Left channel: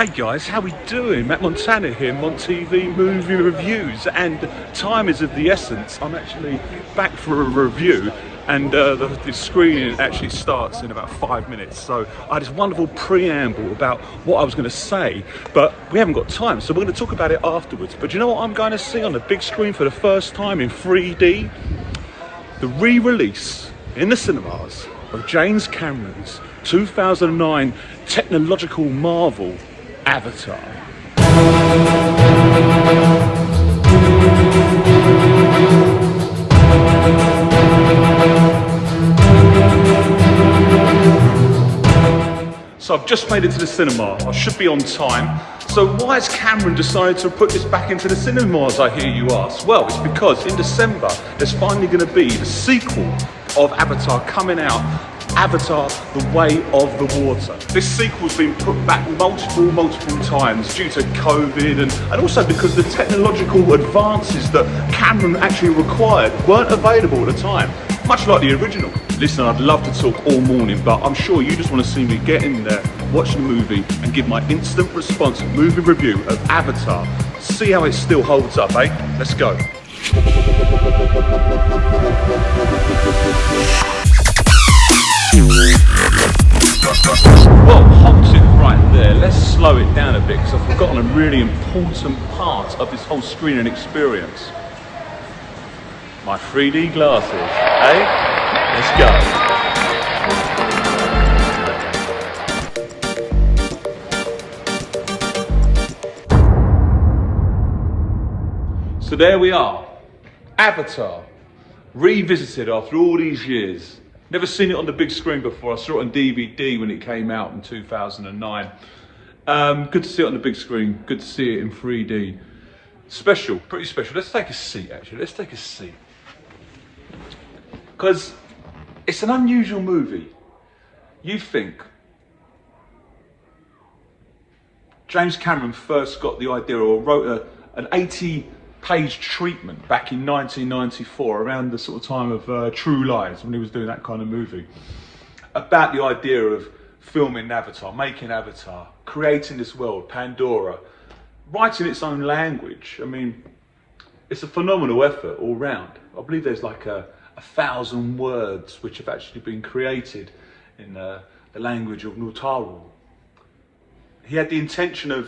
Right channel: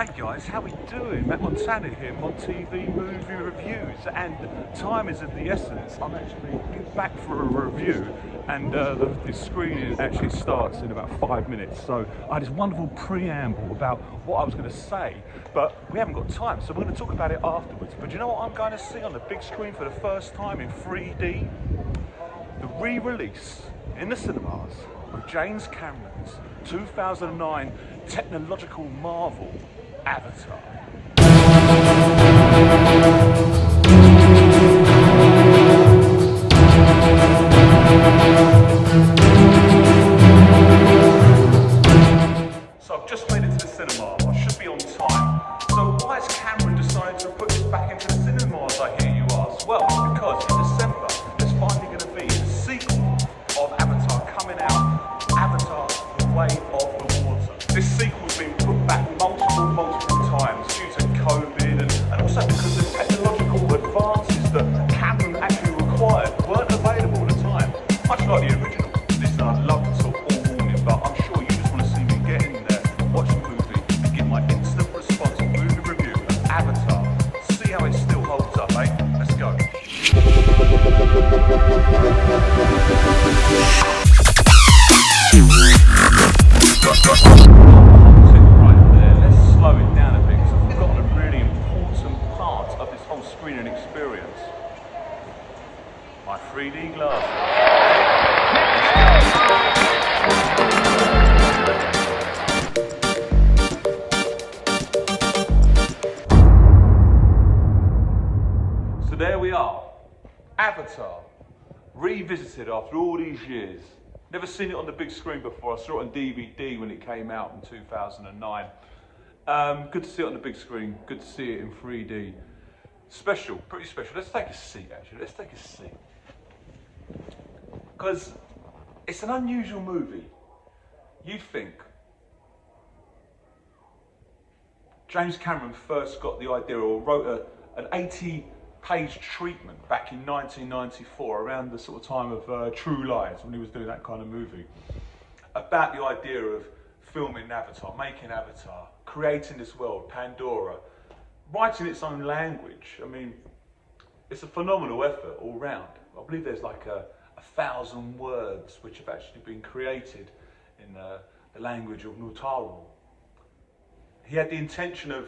Hey guys, how we doing? Matt Montana here, Mont TV Movie Reviews, and time is of the essence. I'm actually back for a review, and the screening actually starts in about 5 minutes. So I had this wonderful preamble about what I was going to say, but we haven't got time, so we're going to talk about it afterwards. But you know what I'm going to see on the big screen for the first time in 3D? The re-release in the cinemas of James Cameron's 2009 technological marvel, Avatar. So I've just made it to the cinema. I should be on time. So why has Cameron decided to put this back into the cinemas, I hear you ask? Well, it's because in December there's finally going to be the sequel of Avatar coming out, Avatar, The Way of the Water. This sequel's been put back multiple times due to COVID and also because the technological advances that Cameron actually required weren't available at the time, much like the original. Listen, I'd love to talk all morning, but I'm sure you just want to see me get in there, watch the movie and give my instant response movie review of Avatar. See how it still holds up, eh? Let's go. Well, halt it right there. Let's slow it down a bit because I've forgotten a really important part of this whole screening experience. My 3D glasses, eh? So there we are, Avatar, revisited after all these years. Never seen it on the big screen before. I saw it on DVD when it came out in 2009. Good to see it on the big screen, good to see it in 3D. Special, pretty special. Let's take a seat actually, let's take a seat. Because it's an unusual movie. You think James Cameron first got the idea or wrote an 80-page treatment back in 1994, around the sort of time of True Lies, when he was doing that kind of movie, about the idea of filming Avatar, making Avatar, creating this world, Pandora, writing its own language. I mean, it's a phenomenal effort all round. I believe there's like a 1,000 words which have actually been created in the language of Nutaru. He had the intention of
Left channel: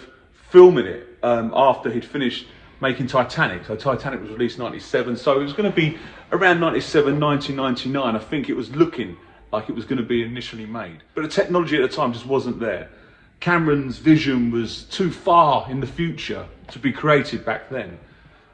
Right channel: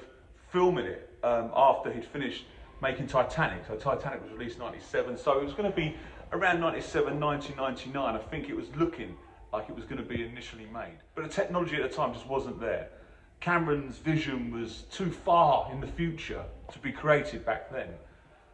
filming it after he'd finished making Titanic. So Titanic was released in 97, so it was going to be around 97, 1999. I think it was looking like it was going to be initially made. But the technology at the time just wasn't there. Cameron's vision was too far in the future to be created back then.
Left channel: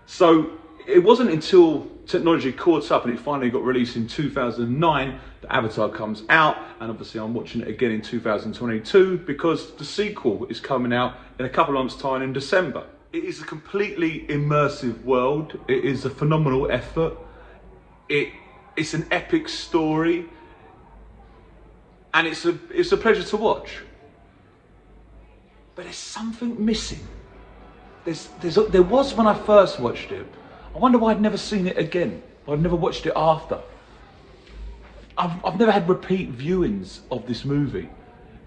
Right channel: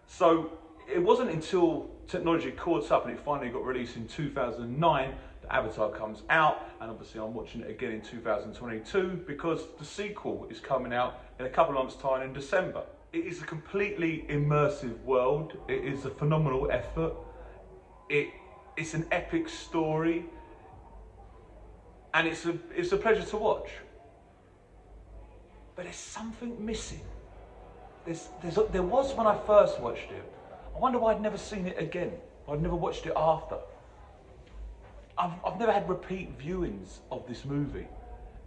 So it wasn't until technology caught up and it finally got released in 2009 that Avatar comes out, and obviously I'm watching it again in 2022 because the sequel is coming out in a couple of months' time in December. It is a completely immersive world. It is a phenomenal effort. It's an epic story, and it's a pleasure to watch. But there's something missing. There was when I first watched it. I wonder why I'd never seen it again. I'd never watched it after. I've never had repeat viewings of this movie,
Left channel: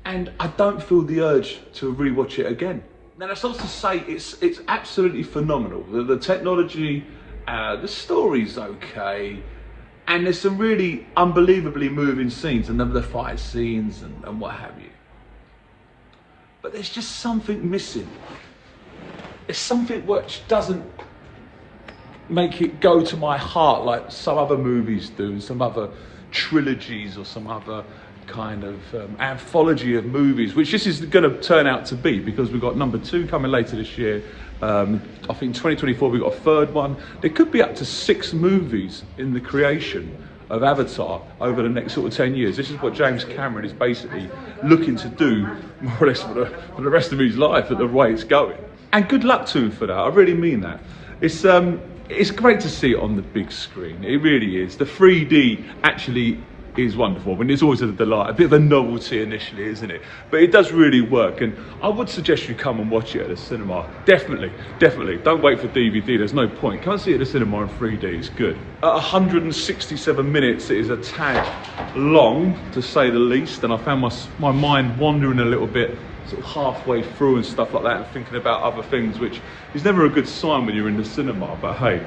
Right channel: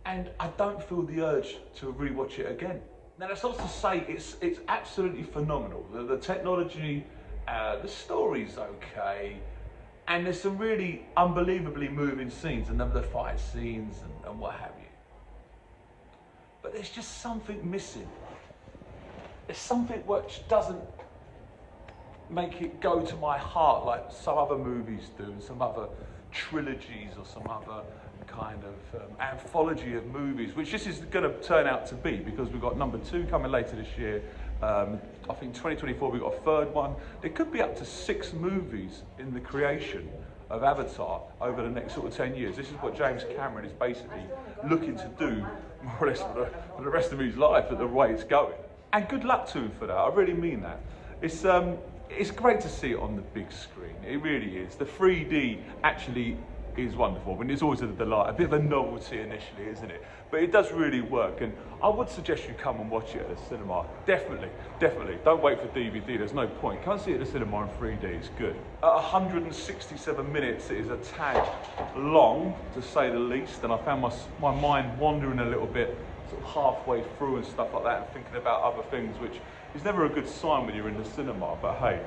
and I don't feel the urge to rewatch it again. Now that's not to say it's absolutely phenomenal. The technology, the story's okay, and there's some really unbelievably moving scenes, and the fight scenes and what have you. But there's just something missing. There's something which doesn't make it go to my heart like some other movies do, some other trilogies or some other kind of anthology of movies, which this is going to turn out to be, because we've got number 2 coming later this year. I think 2024 we've got a 3rd one. There could be up to 6 movies in the creation of Avatar over the next sort of 10 years. This is what James Cameron is basically looking to do more or less for the rest of his life at the way it's going. And good luck to him for that, I really mean that. It's great to see it on the big screen, it really is. The 3D actually is wonderful. I mean, it's always a delight, a bit of a novelty initially, isn't it? But it does really work, and I would suggest you come and watch it at the cinema. Definitely. Don't wait for DVD, there's no point. Come and see it at the cinema in 3D, it's good. At 167 minutes, it is a tad long, to say the least, and I found my mind wandering a little bit sort of halfway through and stuff like that and thinking about other things, which is never a good sign when you're in the cinema, but hey.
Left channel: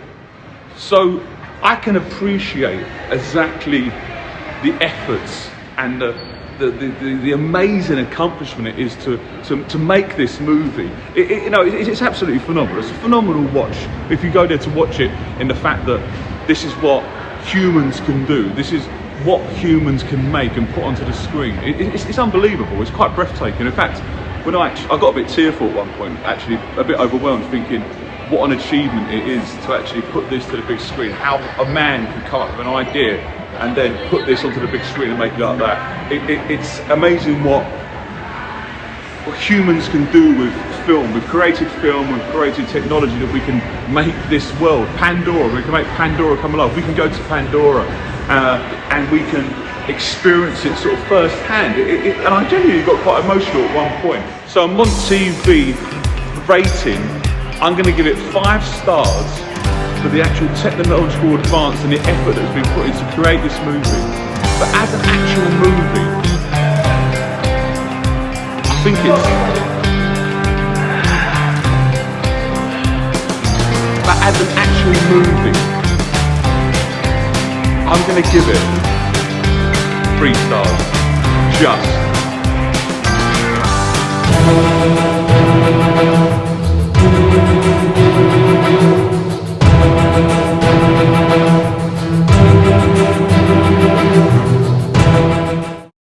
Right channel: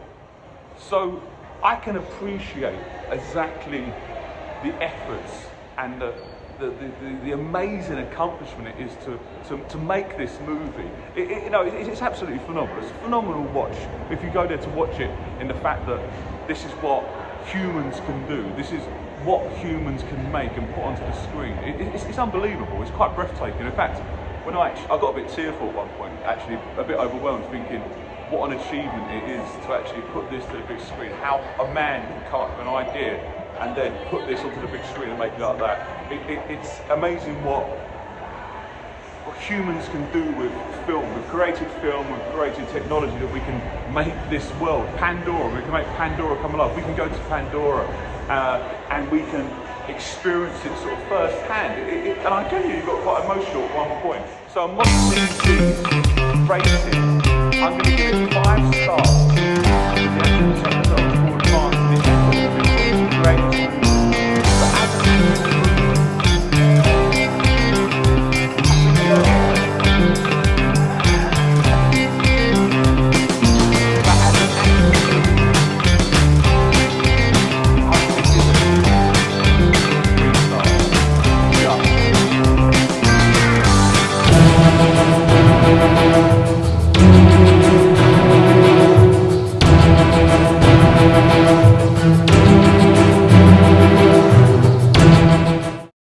So I can appreciate exactly the efforts and the amazing accomplishment it is to make this movie. It's absolutely phenomenal. It's a phenomenal watch. If you go there to watch it, in the fact that this is what humans can do, this is what humans can make and put onto the screen. It's unbelievable. It's quite breathtaking. In fact, when I got a bit tearful at one point, actually a bit overwhelmed, thinking what an achievement it is to actually put this to the big screen. How a man can come up with an idea and then put this onto the big screen and make it like that. It's amazing what humans can do with film. We've created film, we've created technology that we can make this world. Pandora, we can make Pandora come alive. We can go to Pandora and we can experience it sort of firsthand. And I genuinely got quite emotional at one point. So Mont TV rating, I'm going to give it 5 stars for the actual technological advance and the effort that's been put into create this movie.